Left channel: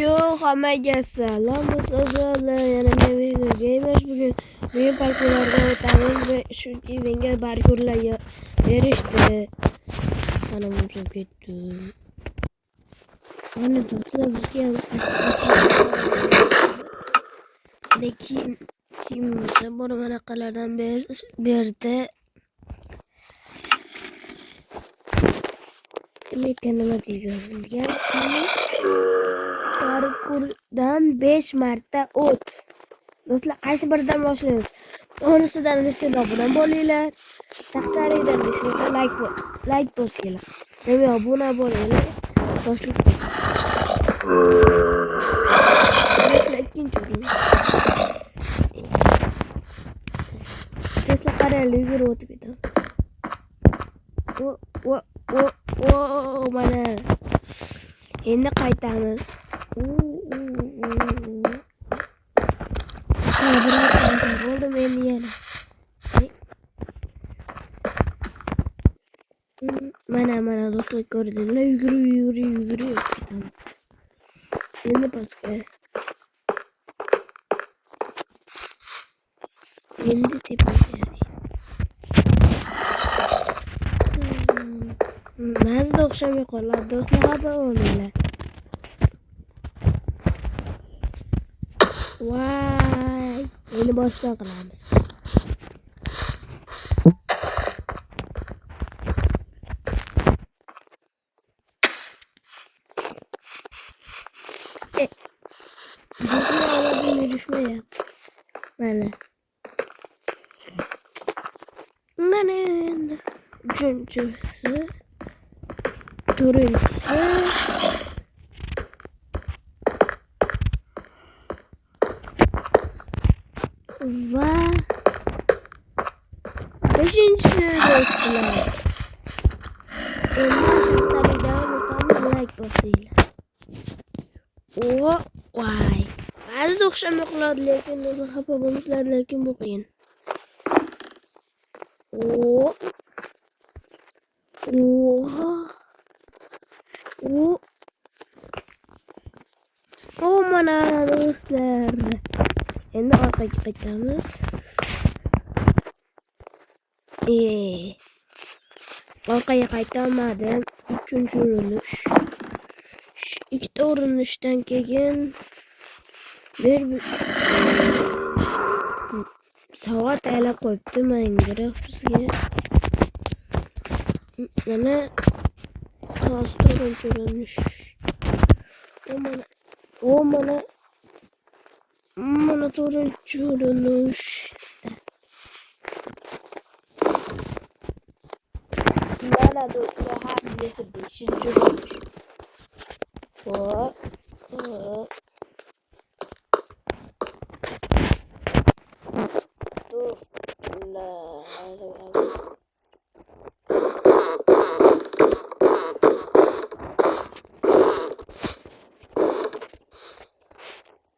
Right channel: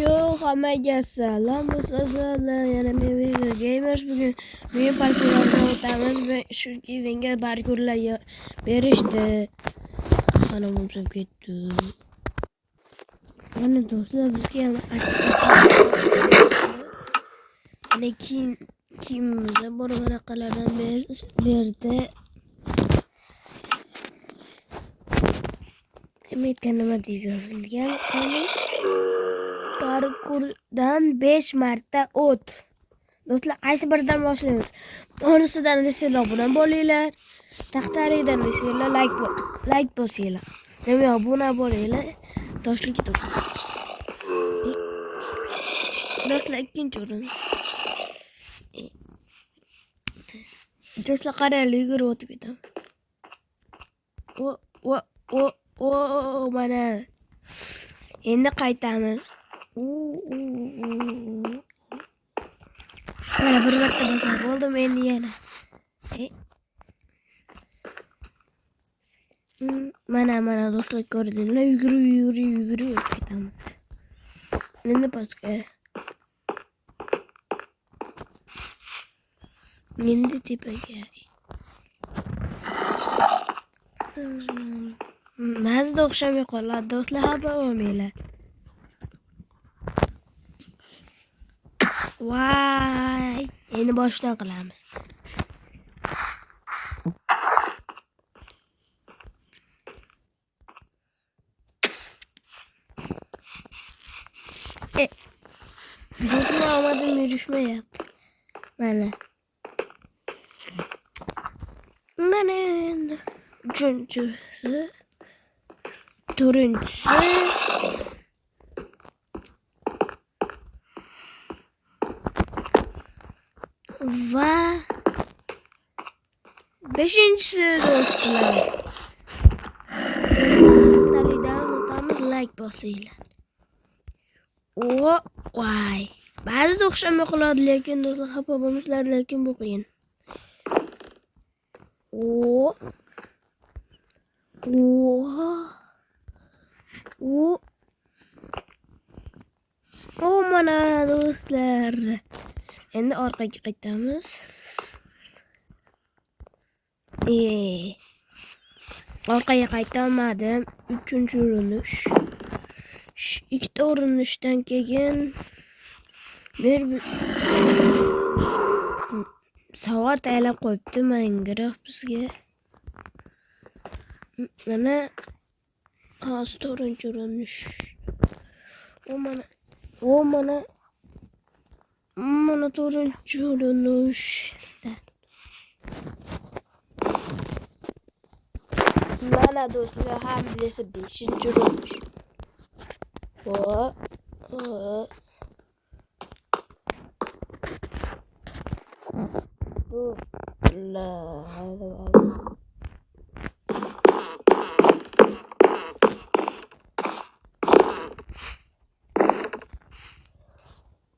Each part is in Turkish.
Yo, hammaga salom do'stlar. Yana men Gamers bugün men parkurlarda o'tamiz va shuki menga parkurlar berishdi. Mana bo'lib ketdi. Mana do'stlar bizga ham lekin kimda bor varaqalardan berdi. Kimga nima deb yozilgan? Parkurdan 5 marta o't. Do'stlar, qaysi biridan boshlaymiz? Onisidan desanglar obuna bo'linglar. Taqtaridan desanglar like bosinglar. Nima obuna bo'linglar. Toshlik top. Do'stlar, ikkinchi o'rin. Do'stlar, qaranglar, yugurib o'tib ketaman. Mana. Endi qaytamiz. Mana bir marta bo'ldim endi yana. Mana do'stlar, ko'rdinglar, yugurib ketaman. Endi pastga. Endi tepaga. Mazda o'xshamay qoladi do'stlar, xabar olmanglar. Vay, endi boshdan qilamiz. Do'stlar, omadim yurishmayapti. Mana endi uchinchisi, to'rtinchisi va beshinchisi do'stlar. Endi taridan o'tamiz, like bosinglar. Vay. Ba'zida o'xshamay qoladi, lekin do'stlar xafa bo'lmasizlar, lekin bu qiyin. Mana do'stlar. Endi orqaga qaytamiz. Orqaga qaytolmadim. 3-urinish. Ikkita urinishdan keyin bir soat aylab qo'yibdi Minecraft bizga. Mana 4-urinish. Mana 4-urinish. Mana do'stlar, hamdasi 5-urinish.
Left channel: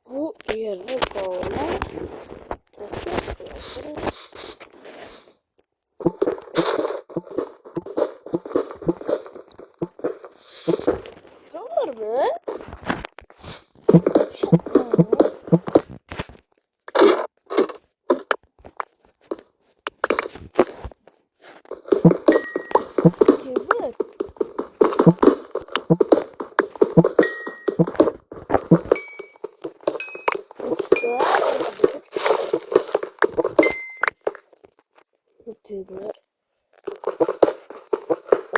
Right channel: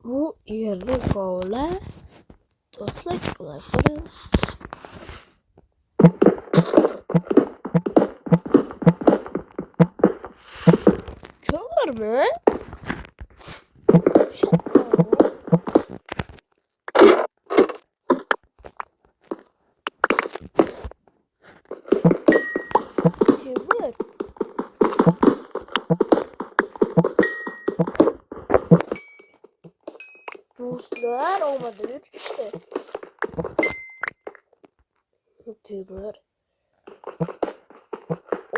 Bu yerni kovlar do'stlar, qilasiz. Ko'rmi? Kömür. Dostlar, olmadı. 3 kişi. Kömür.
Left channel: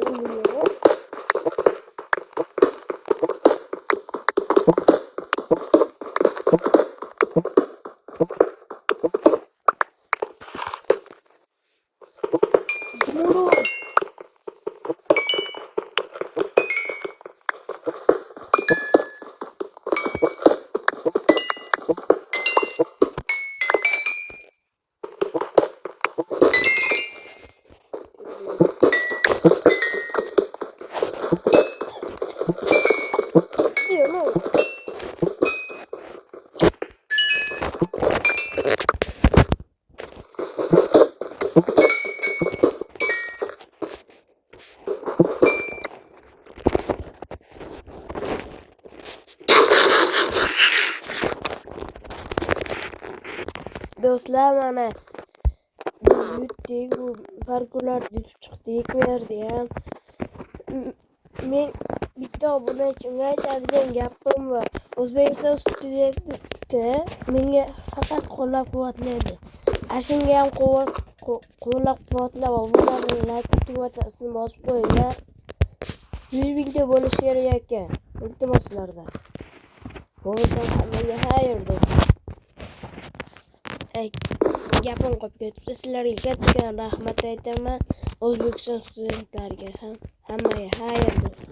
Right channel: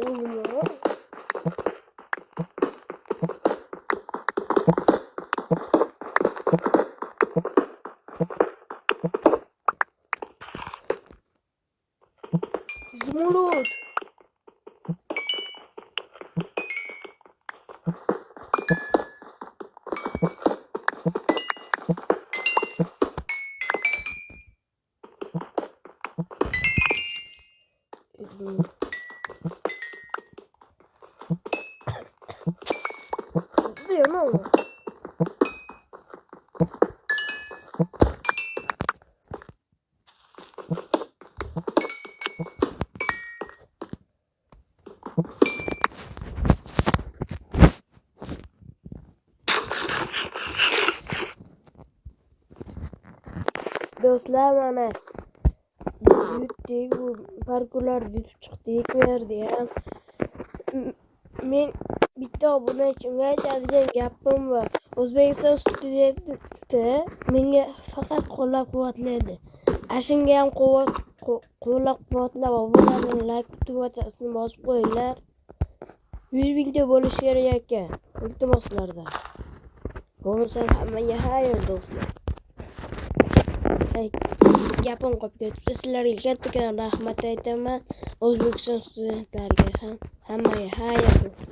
Olmuyor. Zumrud. Diyor ne oldu? Do'stlar, mana biz yutdik, bu parkurlarni yutib chiqdik bu yerda ham. Men bitta obunachimga aytadigan gapim bor. O'zbekiston studenti menga faqat qo'llab-quvvatlaydi. Shunga ham qo'llab-quvvatlab, obuna bilan like tugmachasini bosib qo'yinglar. 100 mingta bo'lishi kerak ekan. Iltimoslarda. Bo'lsa hammaga xayr do'stlar. Gapim qolib ketibdi. Sizlarga katta rahmat aytaman. O'zbekiston studentlariga ham hammaga xayr do'stlar.